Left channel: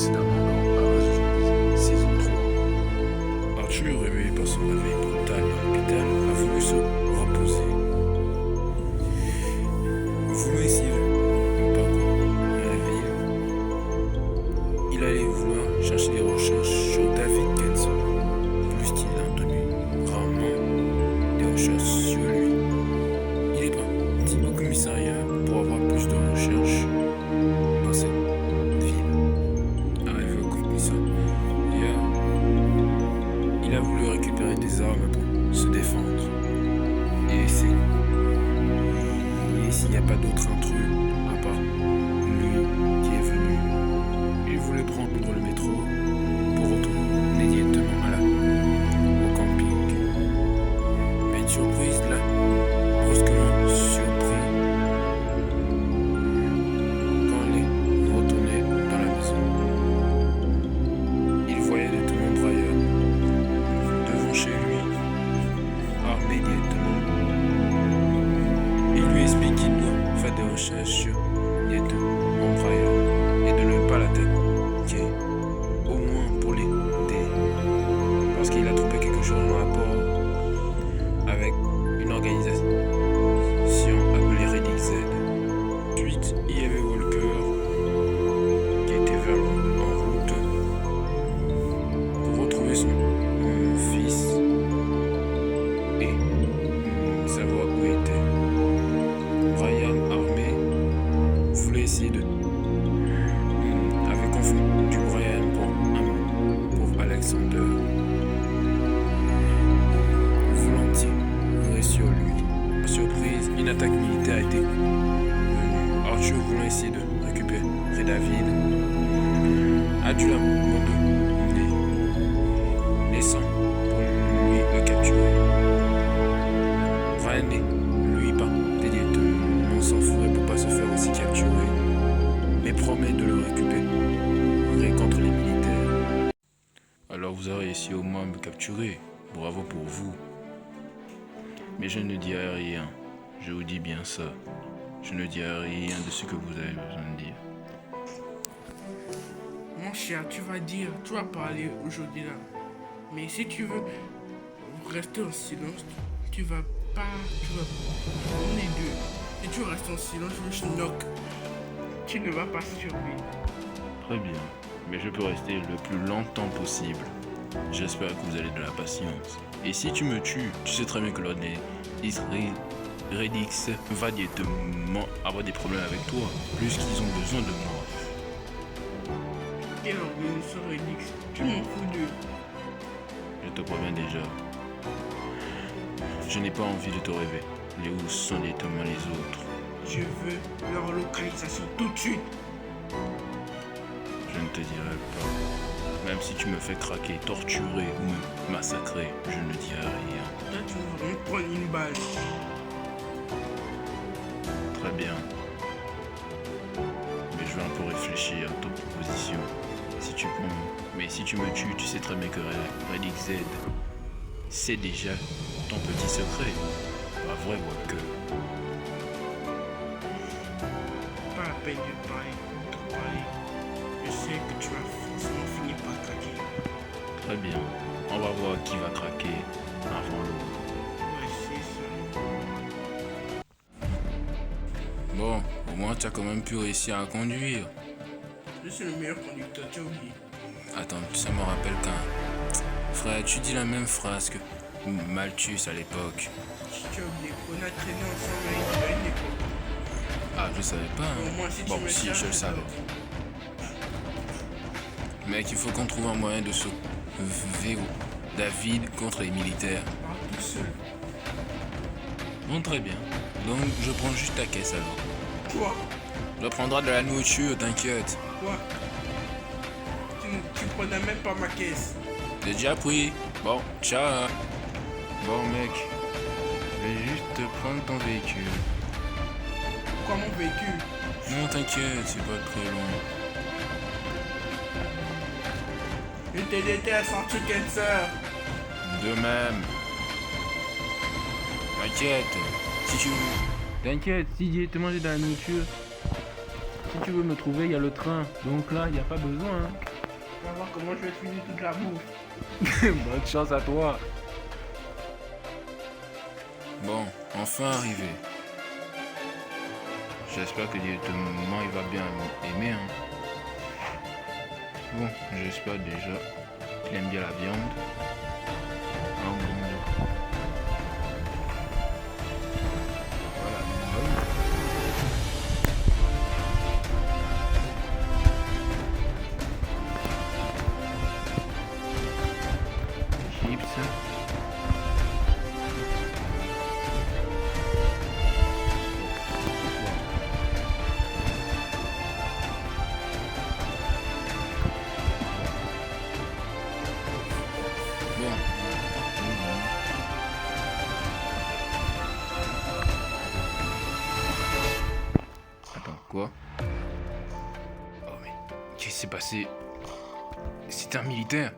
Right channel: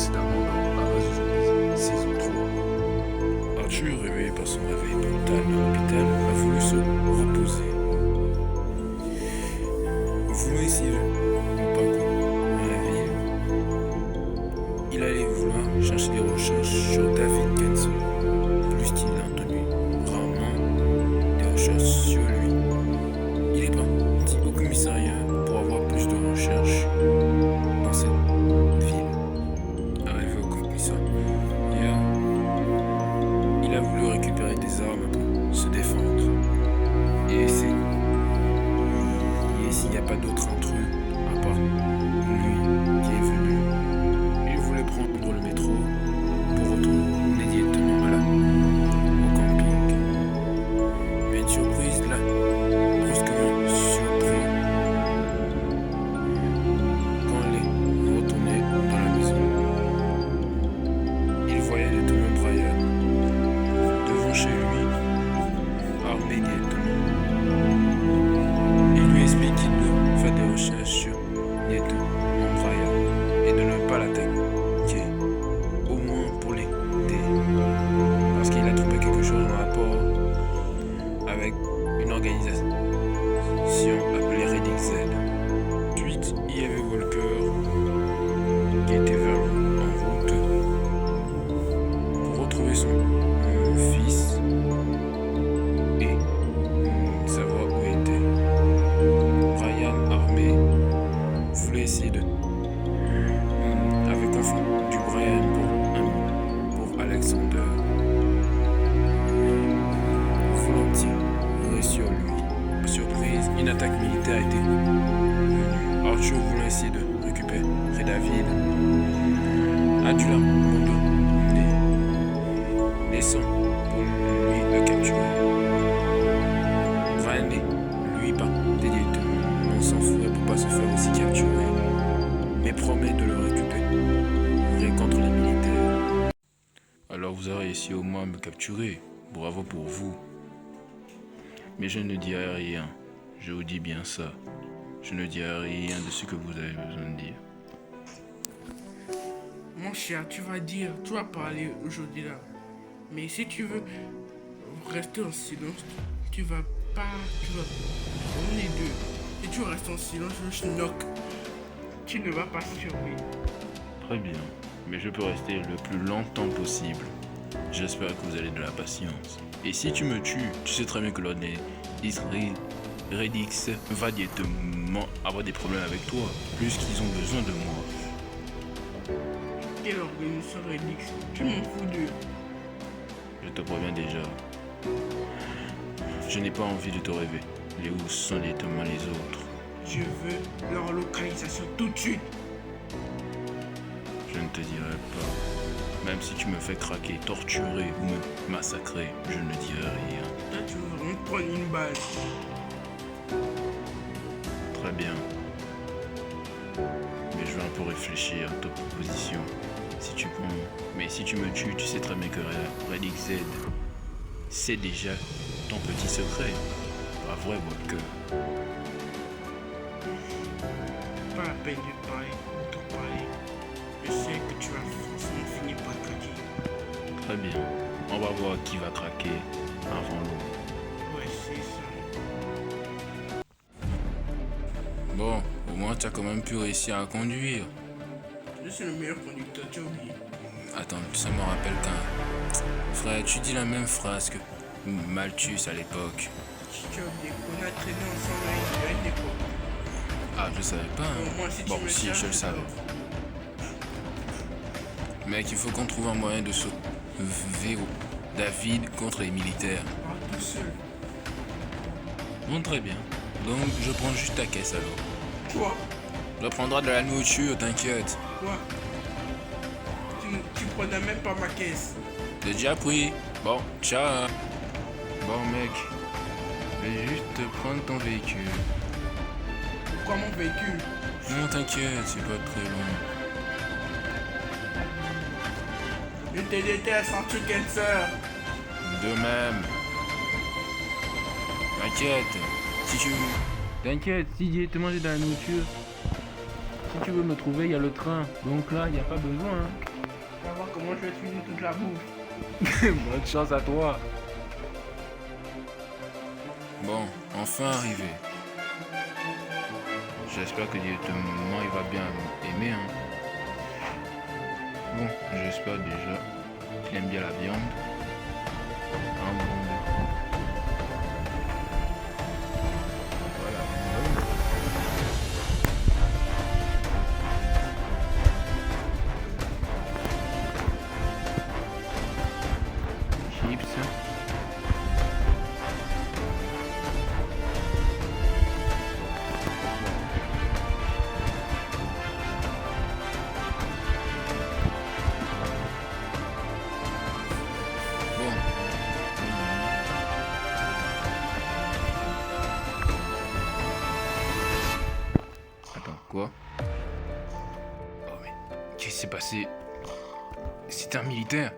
précédemment dans Havas Zombies, saison 3. Arthur, réveillé par son réveil brutal dans l'hôpital, a voulu se reposer. Voulant essayer de parcours dans la ville, il allait vouloir chercher des recherches sur David Kenson, plus qu'il a entendu rarement des recherches sur lui. Il est parti au commissariat pour avoir plus de recherches dans cette ville. Arrivé au commissariat, il a voulu récupérer des armes pour se défendre et essayer s'il n'y a pas d'autre intrus à part lui qui est venu. Il voulait prendre le métro pour retourner directement au camping. Mais une surprise l'a brusquement surpris quand il est retourné dans la maison. Il voyait directement Brian devant chez lui, armé directement. Il lui explique qu'il doit faire des recherches sur directement Brian et de ne pas l'attaquer, au moins pour l'aider, parce qu'il a trouvé quelque chose en rapport avec une organisation appelée Redix Z. Ensuite, il y avait Walker qui était en route pour retrouver son fils et savoir où il était. Brian, armé, voulait essayer avait confondu Brian pour Alexander. Voulant tirer sur lui. Par surprise, une attaque militaire était venue. Arthur, voulant essayer de récupérer David, a dû l'abandonner, laissant pour lui le capturer. Brian lui pas directement s'enfuir pour pas se faire aussi capturer, mais promet de le récupérer contre les militaires. Alors vous avez réussi au moins à me capturer, bravo pour vous. Mais je ne dirai rien, je vous dis bien ça. Je ne dirai rien de ce que vous avez besoin de dire. Mon cher, tu vas parler aujourd'hui là. Mais si tu veux rester en silence, on est deux. Si tu restes en silence, je knock. Tu ne vas pas survivre. Très bien, mais je peux rester le plus longtemps possible. J'espère que vous avez de la patience. Et si tu me tues, tu sais très bien que l'ordre Redix va directement avoir des problèmes avec toi, plus qu'ils ont besoin de moi. Quelle organisation Redix? Tu m'en fous d'eux. Je te préviens déjà. Je n'ai pas envie de te révéler où sont directement les autres. Je veux leur localisation tout de suite. Je ne te dirai pas. Même si tu me fais craquer, torturer ou me massacrer, je ne dirai rien. Toi, tu veux vraiment prendre une balle. Très bien. Mais je vais un peu réfléchir à ta proposition. Mais si tu me tues, tu sais très bien que Redix Z, c'est déjà ton petit secret. Pas vrai, Walker? Pas la peine de parler. Je sais que tu vas forcément finir par craquer. Très bien. On va voir qui va craquer avant l'autre. Ouais, c'est ça. Bon, au moins tu as quand même pu réussir à conduire. Je suis le meilleur conducteur, tu as oublié. Attends, ça me rappelle qu'un... Frère, tu dis la même phrase que Malthus à l'époque. Tu as oublié qu'on a traîné ensemble à une époque. Ah, je savais pas. Hein. Au moins, si tu Bon, me si, cherches, je le savais. Mec, il faut qu'on trouve un moyen de sauver David contre les militaires. Pars tout seul. Bon, très bien. Donc, je prends juste ta caisse alors. Quoi? Je prendrai de la nourriture, t'inquiète. Quoi? Tu prenais même pas ma caisse. J'ai déjà pris. Bon, ciao. Bon, mec, je vais juste prendre ton véhicule. Pourquoi mon véhicule? Non, t'inquiète, c'est pas très long. Je te déteste en tout cancer. De même. T'inquiète, si tu... T'inquiète, si j'ai te mangé de la nourriture, Si tu veux me trouver, il y a le train. Donc là, il n'y a pas besoin. Hein. On va voir comment je vais finir toute la bouffe. Bonne chance à toi. Bon, enfin arrivé. J'espère que directement il va bien aimer. Hein. Bon, j'espère déjà qu'il aime bien la viande. Un bon Dieu. Voilà, chips. Bon. Attends, quoi? Oh mais, qu'est-ce qui s'est passé? C'est un militaire?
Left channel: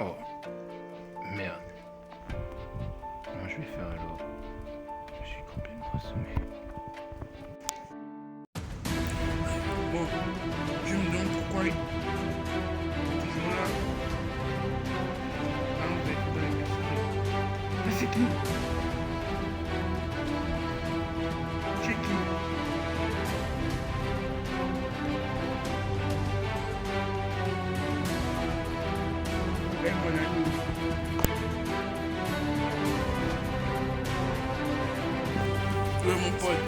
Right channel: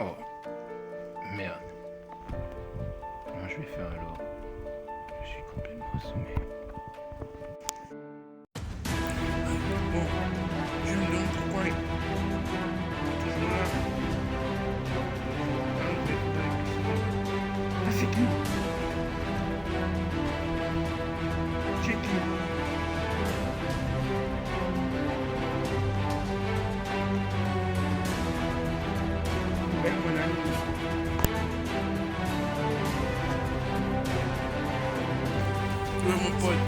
Oh, merde. Comment je vais faire alors? Je suis complètement assommé. Bon, je me demande pourquoi il est toujours là. Ah, on va être dans l'épicerie. Ah, c'est qui? C'est qui? Ouais, mon ami. Ouais, mon pote.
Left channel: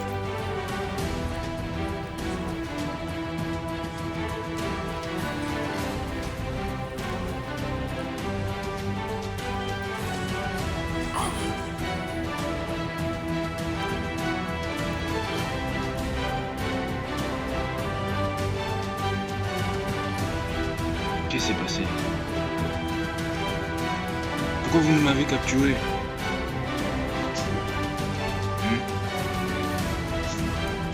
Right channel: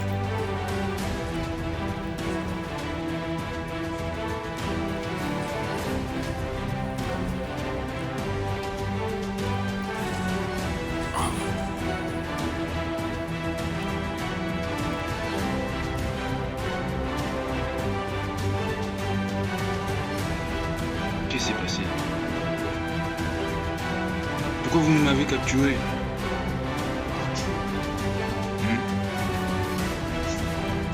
Qu'est-ce qui s'est passé? Pourquoi vous m'avez capturé? Tu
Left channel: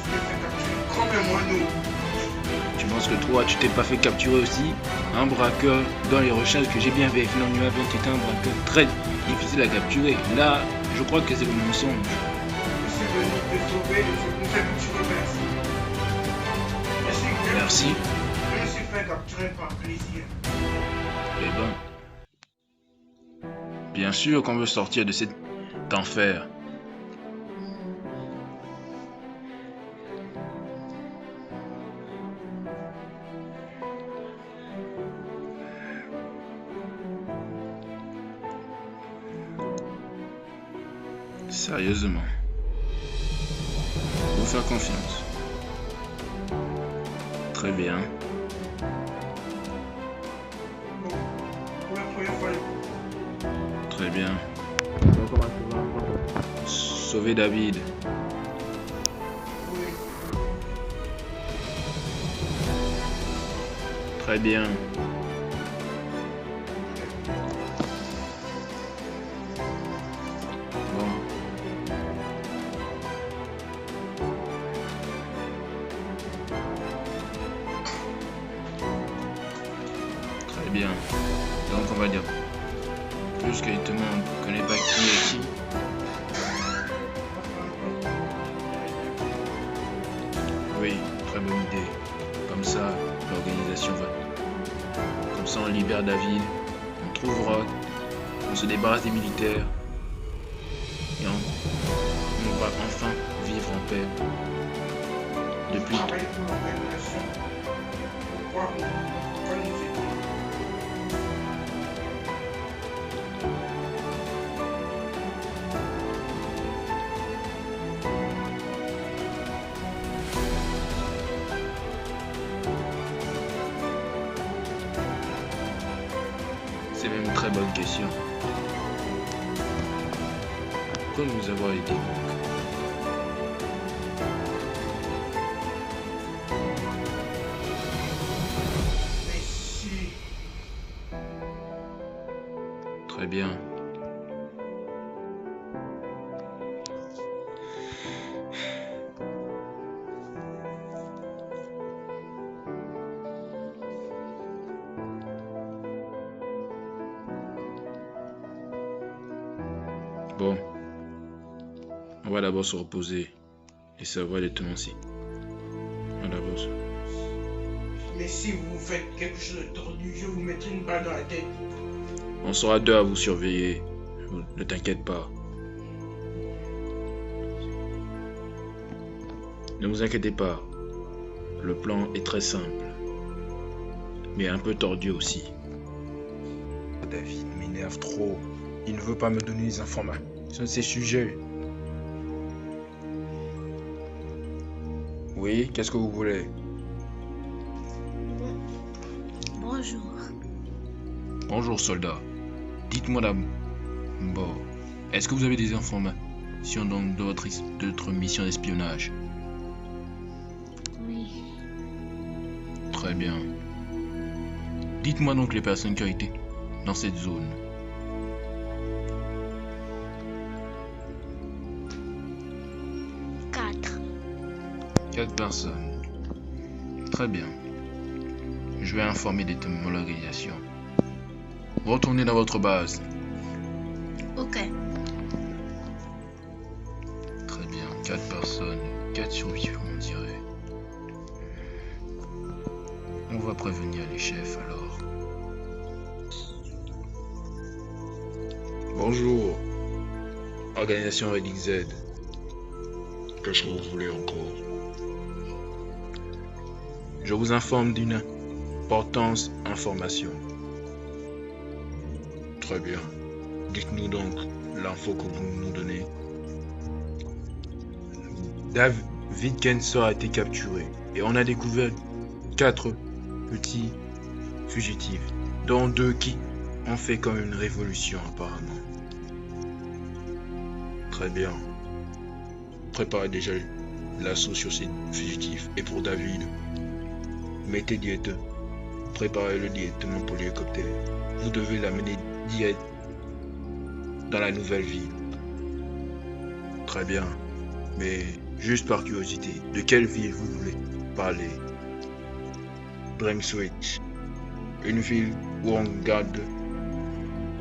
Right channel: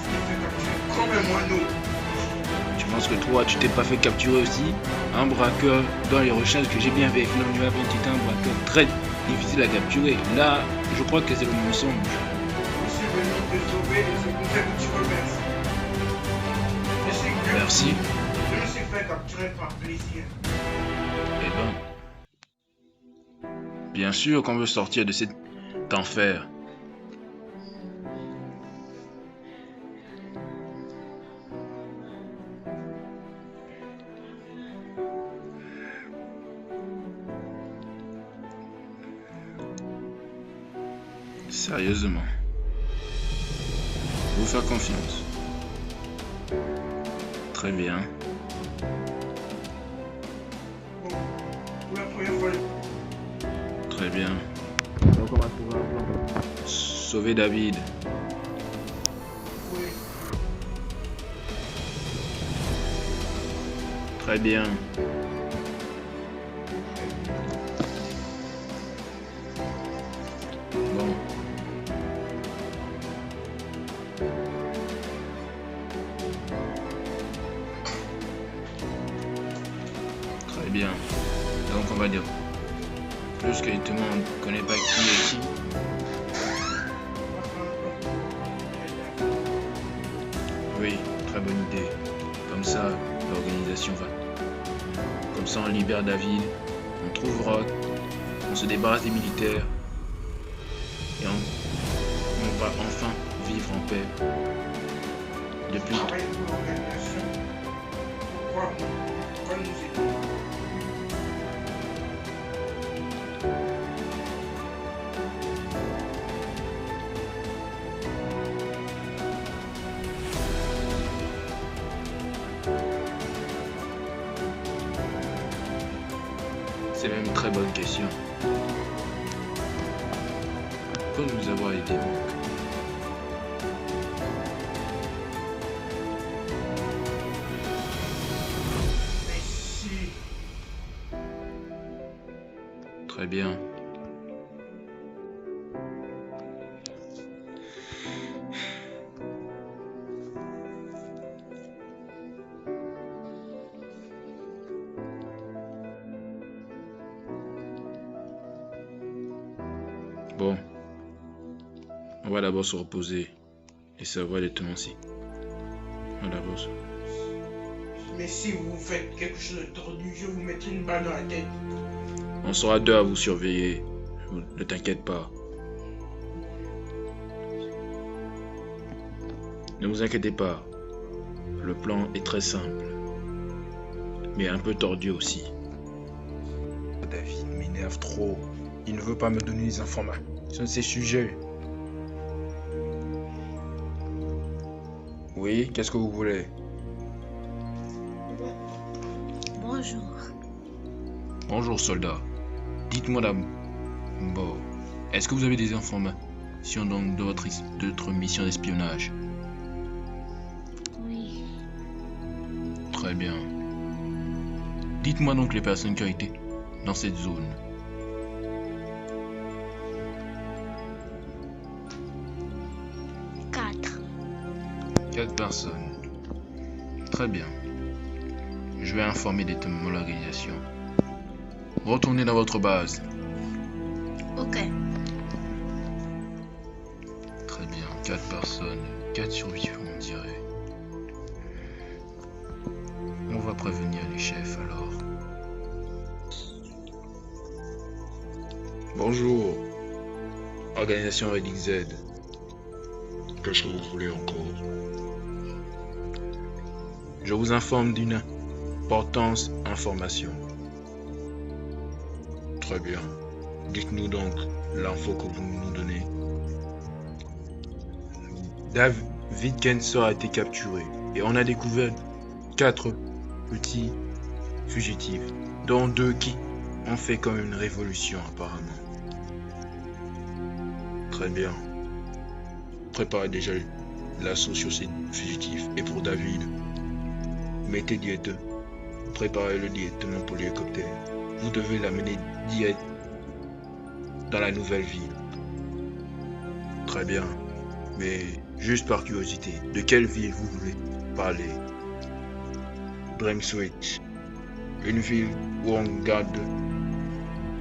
t'es fait capturer comme un moineau. Tu penses que toi, tu t'es pas fait capturer aussi? Un braqueur, dans les recherches que j'ai bien vérifié dans le numéro 20, tu étais un braqueur très difficile à capturer. Là, je crois que c'est le mensonge. Je suis venu te sauver et c'est pour ça que tu remercies. Je sais que Merci. je me suis fait capturer par plaisir. Eh ben, bien sûr qu'on veut sortir de cet enfer. Sérieusement. Vous faire confiance. Très bien. Bon, pour la première fois, Très bien. Donc on va trouver un plan. Sauver David. oui. Très bien. Bon. Très bien. Donc on va dire. Plus que justement on ne connaît pas qui est qui. Oui, très bonne idée. Comme ça, l'organisation va. Comme ça, on libère David, on trouve Rock, on se débarrasse des militaires et on va enfin vivre en paix. Depuis. Travailler pour l'organisation. Pourquoi nous aider? C'est même une très bonne question. Pourquoi nous avoir aidés donc? Mais si. Très bien. Bon. On va d'abord se reposer et savoir les tenanciers. À la bourse. Mais si vous faites quelque chose de tordu, je vous mettrai une balle dans la tête. On sera deux à vous surveiller. Ne t'inquiète pas. Ne vous inquiétez pas. Le plan est très simple. Mais un peu tordu aussi. David m'énerve trop. Il ne veut pas me donner les informations de ces sujets. Oui, qu'est-ce que vous voulez? Bonjour. Bonjour soldat. Dites-moi d'abord, est-ce que vous avez des informations donc de votre mission d'espionnage? Oui. Très bien. Dites-moi donc les personnes qui ont été dans cette zone. Quatre. 4 personnes. Très bien. Je vais informer de l'organisation. Retournez dans votre base. Ok. Très bien. 4 personnes. 4 survivants, on dirait. On va prévenir les chefs alors. Bonjour. Organisation Redding Z. Qu'est-ce que vous voulez encore? Je vous informe d'une importante information. Très bien. Dites-nous donc l'info que vous nous donnez. David Kenser a été capturé et on a découvert 4 petits fugitifs, dont 2 qui ont fait comme une révolution apparemment. Très bien. Préparez déjà l'assaut sur ces fugitifs. Et pour David, mettez directement. Préparez-le directement pour l'hélicoptère. Vous devez l'amener direct dans la nouvelle ville. Très bien. Mais juste par curiosité, de quelle ville vous voulez parler? Bremswich. Une ville où on garde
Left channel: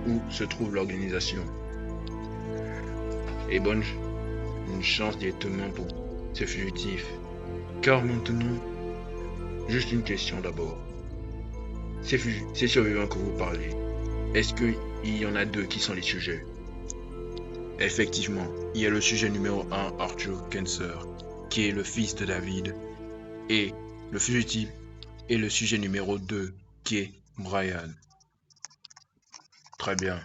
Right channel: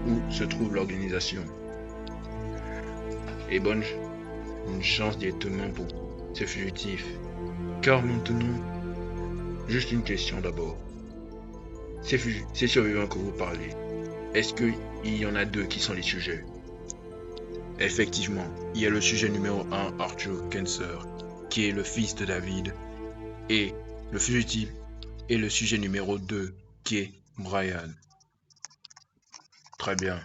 où se trouve l'organisation. Et bonne chance directement pour ces fugitifs. Car maintenant, juste une question d'abord. Ces survivants que vous parlez, est-ce qu'il y en a 2 qui sont les sujets? Effectivement, il y a le sujet numéro 1, Arthur Kenser, qui est le fils de David, et le fugitif est le sujet numéro 2, qui est Brian. Très bien.